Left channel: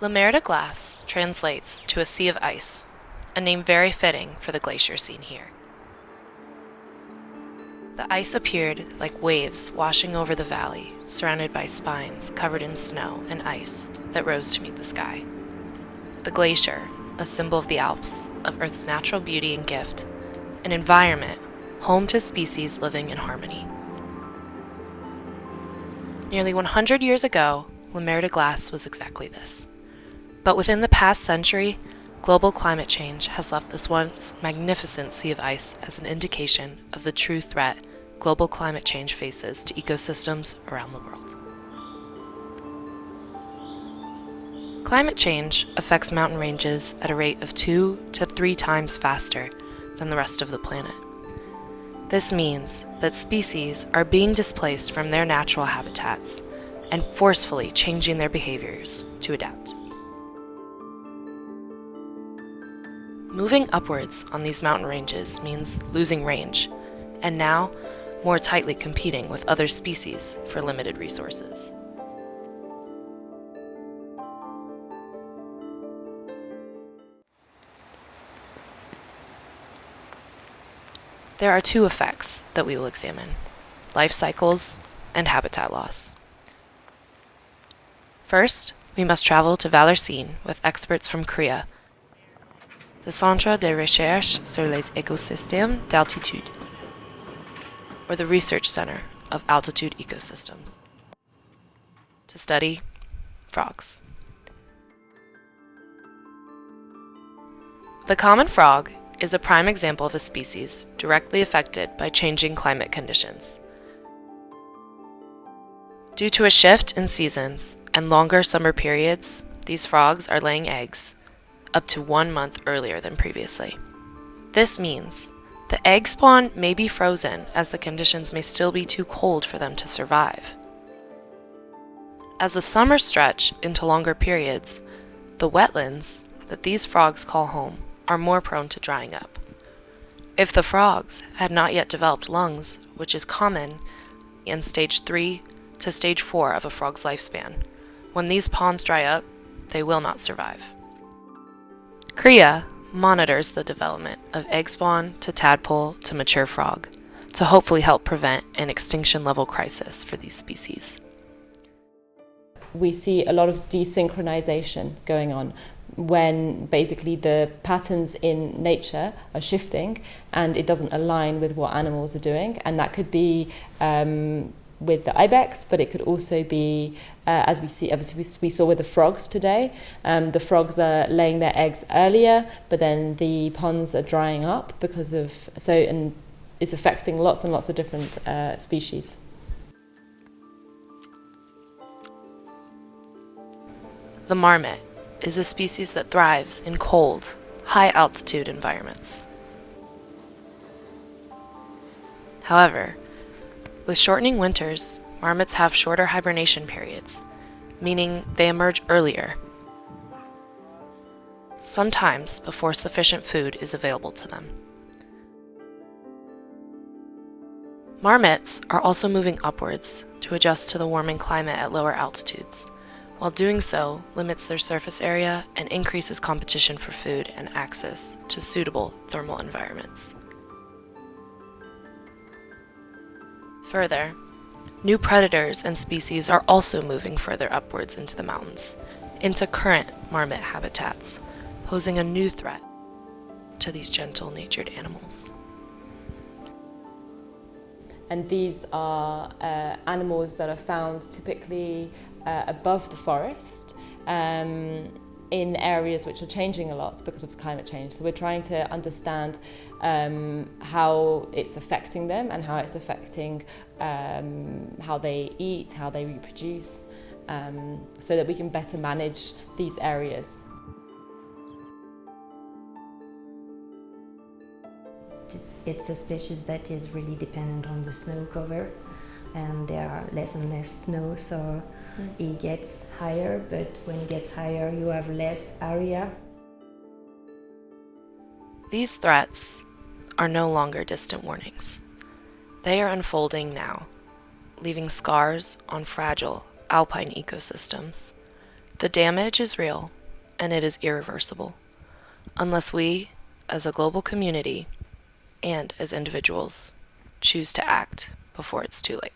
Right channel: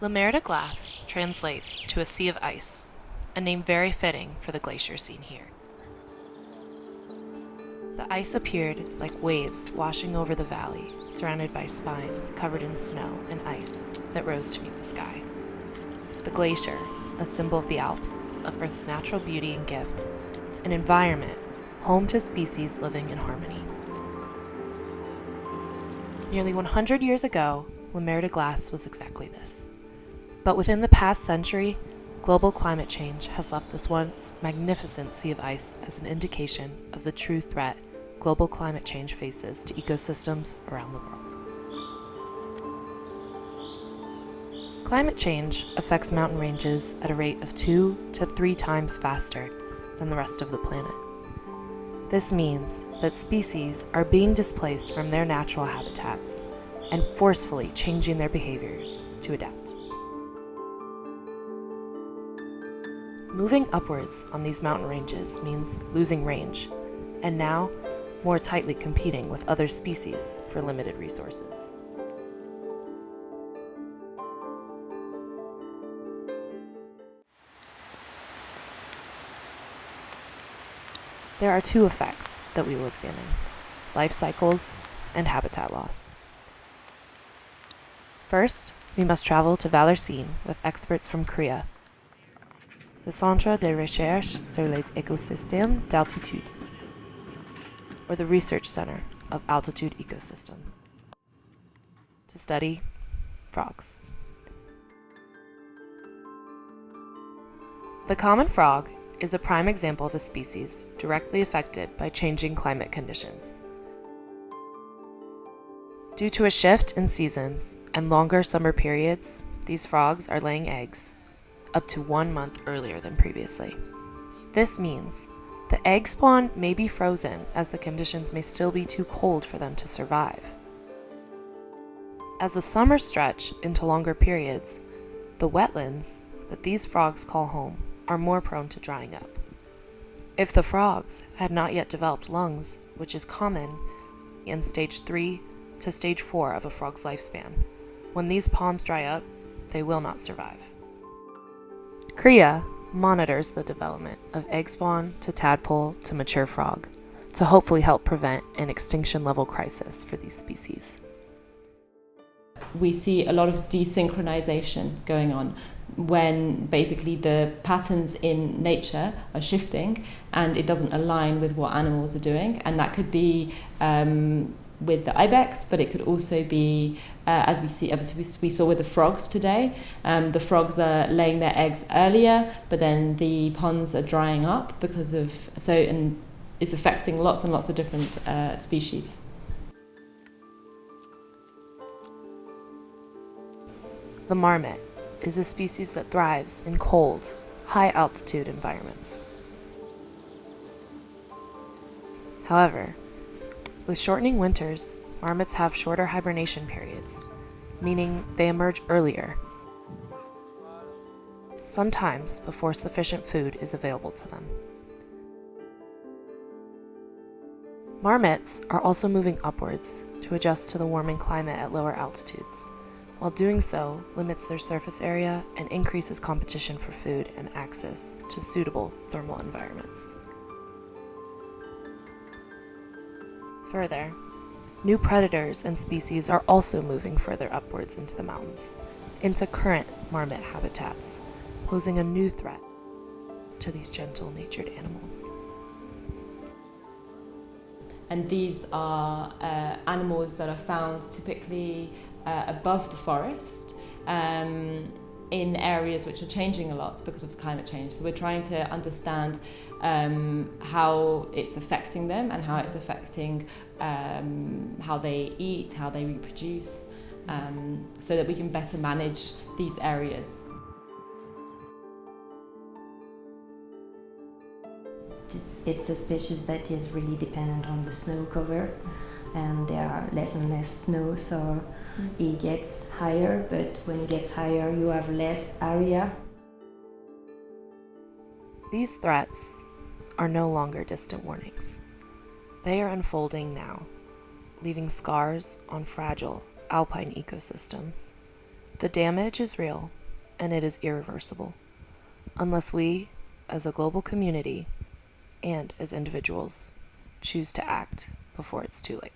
La Mer de Glace translates to a sea of ice, a name very fitting for the glacier seen here. The ice appeared like waves washing over the valley, surrounded by spines covered in snow and ice that rose to meet the sky. The glacier, a symbol of the Alps, of Earth's natural beauty and gift, an environment home to species living in harmony. Nearly 100 years ago, La Mer de Glace was exactly this. But within the past century, global climate change has left this once magnificent sea of ice as an indication of the true threat global climate change faces to ecosystems around the world. Climate change affects mountain ranges at a rate of 2 to 3 times faster than the rest of the planet. This means that species are being displaced from their natural habitats and forcefully changing their behaviors to adapt. Moving upwards on these mountain ranges means losing range, and now more tightly competing with other species for limited resources. There are 2 effects that we will examine: life cycles and habitat loss. First, we must travel to Valenciennes with experts from CREA, the Centre de Recherche sur les Écosystèmes d'Altitude, or the Research Center of Altitude Ecosystems, to study frogs. The common frog is a prime example of a species directly affected by changing climate conditions. Due to a shift in seasons and longer summer periods, these frogs are laying eggs up to 1 month earlier than previously. This means the egg spawn may be frozen as the conditions may still be too cold for them to survive. As the summers stretch into longer periods, the wetlands that these frogs call home are more prone to drying up. If the frogs had not yet developed lungs, which is common in stage 3 to stage 4 of a frog's lifespan, when these ponds dry up, they will not survive. CREA monitors the development of egg spawn to tadpole to mature frog to hopefully help prevent an extinction level crisis for these species. We see a lot of desynchronization going on when basically the patterns in nature are shifting and it doesn't align with what animals are doing, and that could be with the ibex, but it could also be, as we saw with the frogs today, the frogs are laying their eggs earlier, but then the ponds are drying up and it's affecting lots and lots of different species. The marmot is a species that thrives in cold, high-altitude environments. However, with shortening winters, marmots have shorter hibernation periods, meaning they emerge earlier, sometimes before sufficient food is available to them. Marmots are also moving upwards to adjust to the warming climate at lower altitudes. While doing so limits their surface area and increases competition for food and access to suitable thermal environments. Further, new predators and species are also moving further upwards into the mountains, into current marmot habitats, posing a new threat to these gentle-natured animals. And these are animals that are found typically above the forest in areas which are changing a lot because of climate change. So we're trying to understand how it's affecting them and how it's affecting how they eat, how they reproduce, so that we can better manage these areas. It's a species that is really dependent on the snow cover, and there are less and less snow, so it gets higher, but when it gets higher you have less area. These threats are no longer distant warnings. They are unfolding now, leaving scars on fragile alpine ecosystems, The damage is real, and it is irreversible, unless we, as a global community, and as individuals, choose to act before it's too late.